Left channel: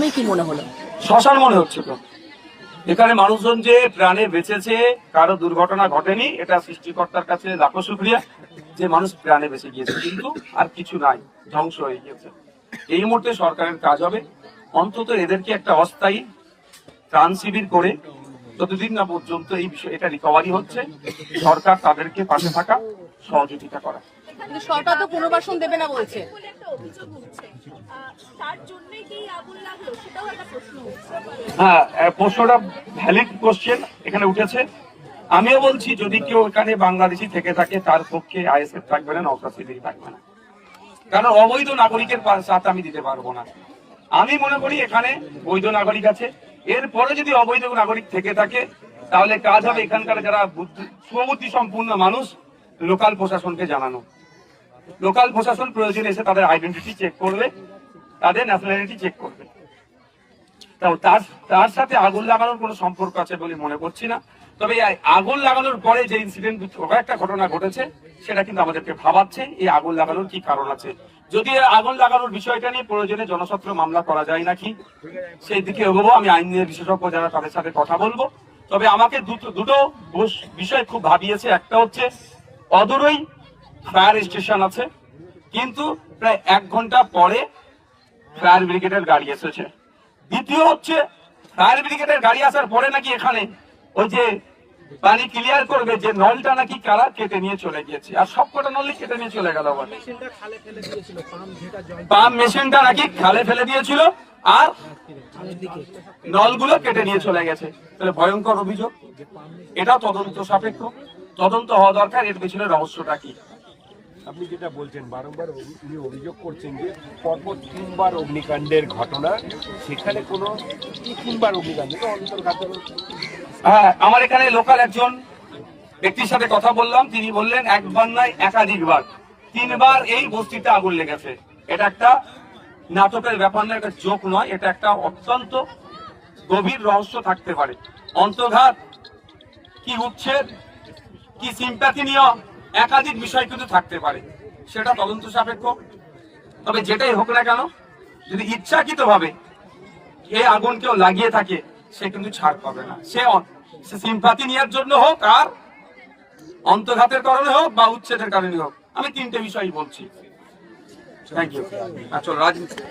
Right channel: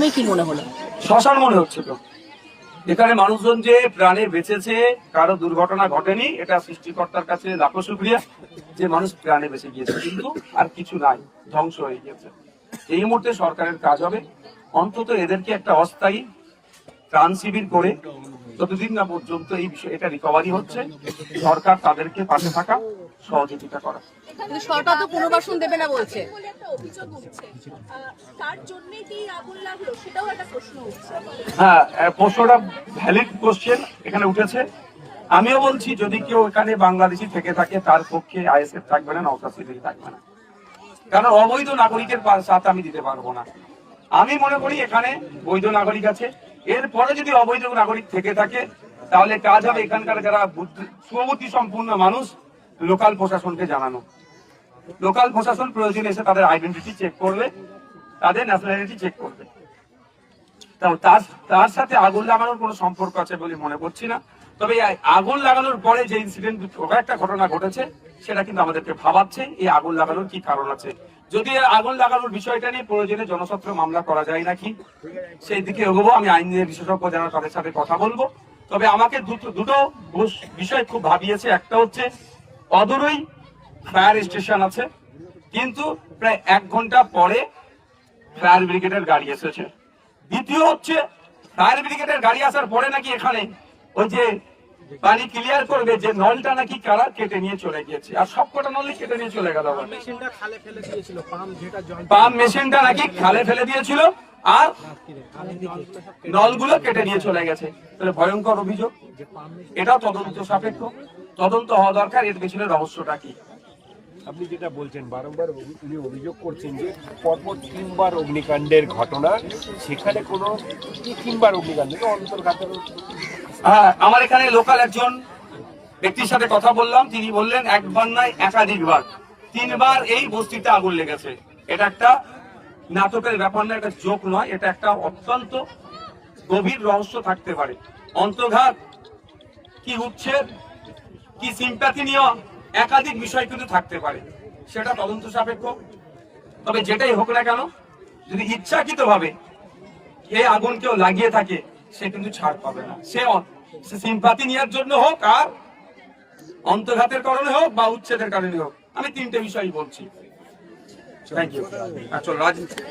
প্রথমে কি মনে হলো? শ্মশান মনে হচ্ছে তো। এখানে মানুষজন যে প্রাণে বেঁচেছে, কারো দুর্ঘটনা ঘটেনি, এটা সৃষ্টিকর্তার কাছে লাখো শুকরিয়া যে মানুষ প্রাণে বেঁচে গিয়েছে, কিন্তু আর কিছু নাই, ধ্বংস হয়ে গিয়েছে। এই মুহূর্তে সরকারের কাজ হবে অন্তত এদেরকে একটা অস্থায়ী ত্রাণ শিবির করে যতদিন না পর্যন্ত এই বিষয় এটা রিকভারি হচ্ছে, সরকার তাদেরকে পাশে থাকা, সহযোগিতা করা। কিন্তু সরকার তো পুনর্বাসন দেবে না বলছে। হ্যাঁ, প্রশ্নটা ভ্যালিড কোশ্চেন এখানে উঠেছে। আমিও বলছি যদি কেউ এখানে বাংলাদেশি থেকে থাকে তার পক্ষে আইএসএফ থাকবে না, নওশাদ সিদ্দিকী থাকবে না, কারণ অবৈধ নাগরিকের সাথ আমি দিতে পারবো না। আমি মনে করি এখানে বৈধ নাগরিক আছে, এরপরে যদি অবৈধ নাগরিক থেকে থাকে তাহলে কাজ হবে এখানকার যারা সুবুদ্ধি সম্পূর্ণ মানুষ, লোকাল প্রশাসনকে জানানো। লোকাল প্রশাসন প্রয়োজন এসে তাদের আইডেন্টিটি চেক করবে, তাদের ন্যাশনালিটি চেক করবে। তার সাথে আগুন লাগানোর কোনো সম্পর্ক আছে বলে মনে করছি না। তবে এই আগুন লাগানোর পরে যে ইনসিডেন্ট একটা ঘটনা ঘটেছে সেটা কিন্তু আমাদেরকে ভাবাচ্ছে এই আগুন লাগানোর কি কারণ আছে। যদি আগুন লাগানোর বিষয়টা নিয়ে প্রয়োজনে জনস্বার্থ মামলা করা যায় নাকি সেই দিকে এগোবো। আমি আইনের বিশেষজ্ঞ যারা তাদের সাথে কথা বলবো। তবে আমাকে দুটো বিষয় খুব ভাবিয়েছে। একটা হচ্ছে অদূরই ফায়ার স্টেশন আছে, কিন্তু প্রায় 1 ঘন্টা পরে ফায়ার ব্রিগেডের গাড়ি এসেছে। দ্বিতীয় হচ্ছে ফায়ার ব্রিগেডের গাড়ি আসার পরে নাকি এখানে ওই যে পানি ক্লিয়ার করবে যে নলটা নাকি কারা কেটে নিয়ে চলে গিয়েছে, আর সবকটা নলই কেটে নিয়ে চলে গেল। পাম্প মেশিনটা নাকি খালে ফেলে দিয়েছিল আর নলগুলো কেটে নিয়ে চলে গেছে। তাহলে ভয়ঙ্কর অভিযোগ, এটাও তদন্ত সাপেক্ষ, তদন্ত হওয়া দরকার। এর পেছনে রহস্যটা কি? আপনি যেটা বলছেন বারংবার উনি অভিযোগ করছেন যে পরপর 3বার অগ্নিকাণ্ডের ঘটনা, সেখানে কোনো 3বার অগ্নিকাণ্ড অন্তর্গত। হ্যাঁ, আমার এখানে লোকাল একজন ব্যক্তির সাথে কথা বললাম, তিনি বললেন একবার নয় একাধিকবার, 3বার এই বস্তিতে আগুন লেগেছে। এটা একটা নাটকের ব্যাপার না, এটা জোক নয়, এটা একটা অত্যন্ত গভীর রহস্য থাকতে পারে। অন্তর্ঘাত কি উচ্ছেদ কি সিম্প্যাথি নিয়ে একাধিক বিষয় কিন্তু থাকতে পারে, সেটা তদন্ত সাপেক্ষ। তবে যেটাই হোক না কেন, যদি ইচ্ছাকৃত ভাবে এই আগুন কেউ লাগিয়ে থাকে সে কিন্তু ছাড় পাবে না। সে সিম্প্যাথি নেওয়ার জন্য হোক, আর অন্তর্ঘাতের কারণে হোক বা উচ্ছেদের কারণে হোক। আমি 3টে বিষয় বলছি। Thank you. চলো রাজনীতি।